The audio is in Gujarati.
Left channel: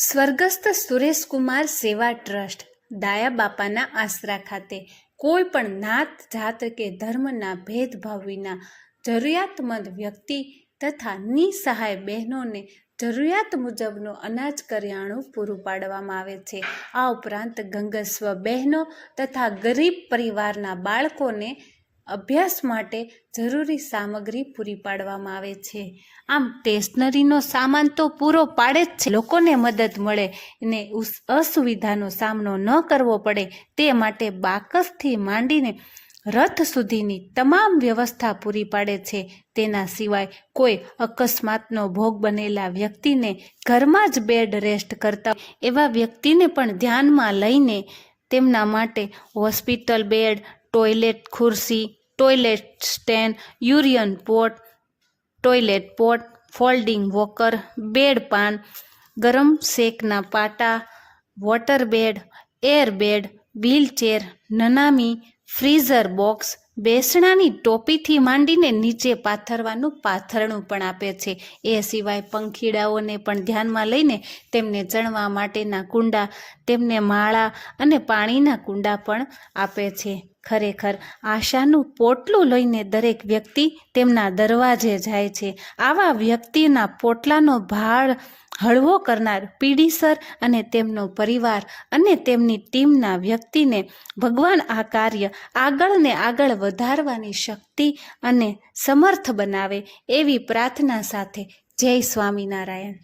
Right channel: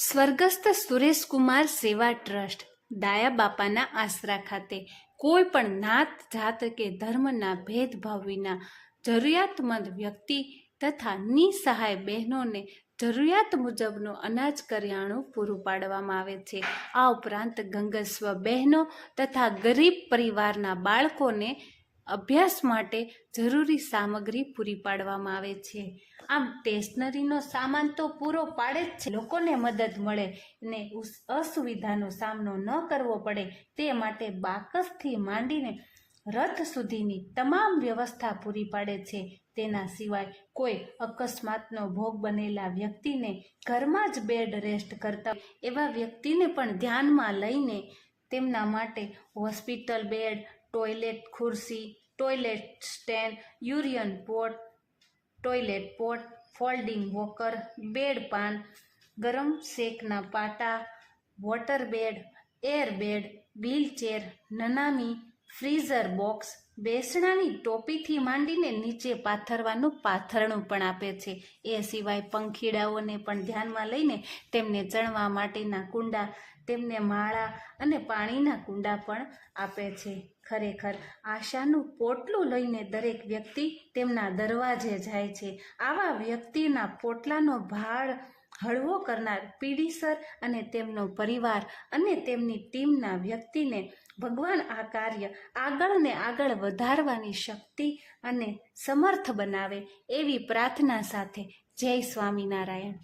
સ્વર્ગસ્થ સુરેશકુમાર સેવા ટ્રસ્ટ ડાયા બાપાના આશરા ખાતે કોઈ પણ નાત જાત કે ધર્મના ભેદભાવ વિના જરૂરિયાતમંદ વ્યક્તિ તથા નિસહાય બહેનોને જરૂરિયાત મુજબનું અનાજ કરિયાણું પૂરું પાડવામાં આવે છે। આ ઉપરાંત ગંગસ્વ બહેનો તથા ગરીબ પરિવારના બાળકોને અભ્યાસ માટે જરૂરી સામગ્રી પૂરી પાડવામાં આવે છે। આમ સ્ટેશનરીનો સામાન તો પૂરો પાડે જ છે, લોકોને મદદ મળે અને અસુવિધાનો સામનો ન કરવો પડે તે માટે બાકસથી માંડીને રથ સુધીની તમામ વ્યવસ્થા પૂરી પાડે છે। તેના સિવાય કોઈ અકસ્માતનો ભોગ બનેલા વ્યક્તિને ઘરમાં જ બેડ રેસ્ટ કરતા એવા વ્યક્તિને પણ ધ્યાનમાં લઈને તેમના માટે હોસ્પિટલ બેડ, ટોયલેટ ખુરશી, toilet stand, urine pot, toilet pot, folding walker, bed pan, ગરમ શેકના પાટા, water bed, air bed, wheelchair, નનામી, ફ્રીઝર બોક્સ, બેસણાની ટોપીથી માંડીને નીચે પાથરવાનું પાથરણું પણ આપે છે। એ સિવાય પંખીડાઓને પણ ધ્યાનમાં લઈને તેમને ચણવા માટેના કુંડા, તેમને માળા અને પાણીના કુંડા પણ આપે છે। ખરેખર આશાનું પોટલું લઈને દરેક વ્યક્તિ તેમના દરવાજે જાય છે। આવા વ્યક્તિના પોટલાનો ભાર હળવો કરનાર પીડીસર અને તેમનો પરિવાર અને તેમની ટીમના વ્યક્તિને ભગવાન આ કાર્ય આગળ ને આગળ વધારવાની શક્તિ અને સમર્થ બનાવે એવી પ્રાર્થના સાથે જય સ્વામિનારાયણ।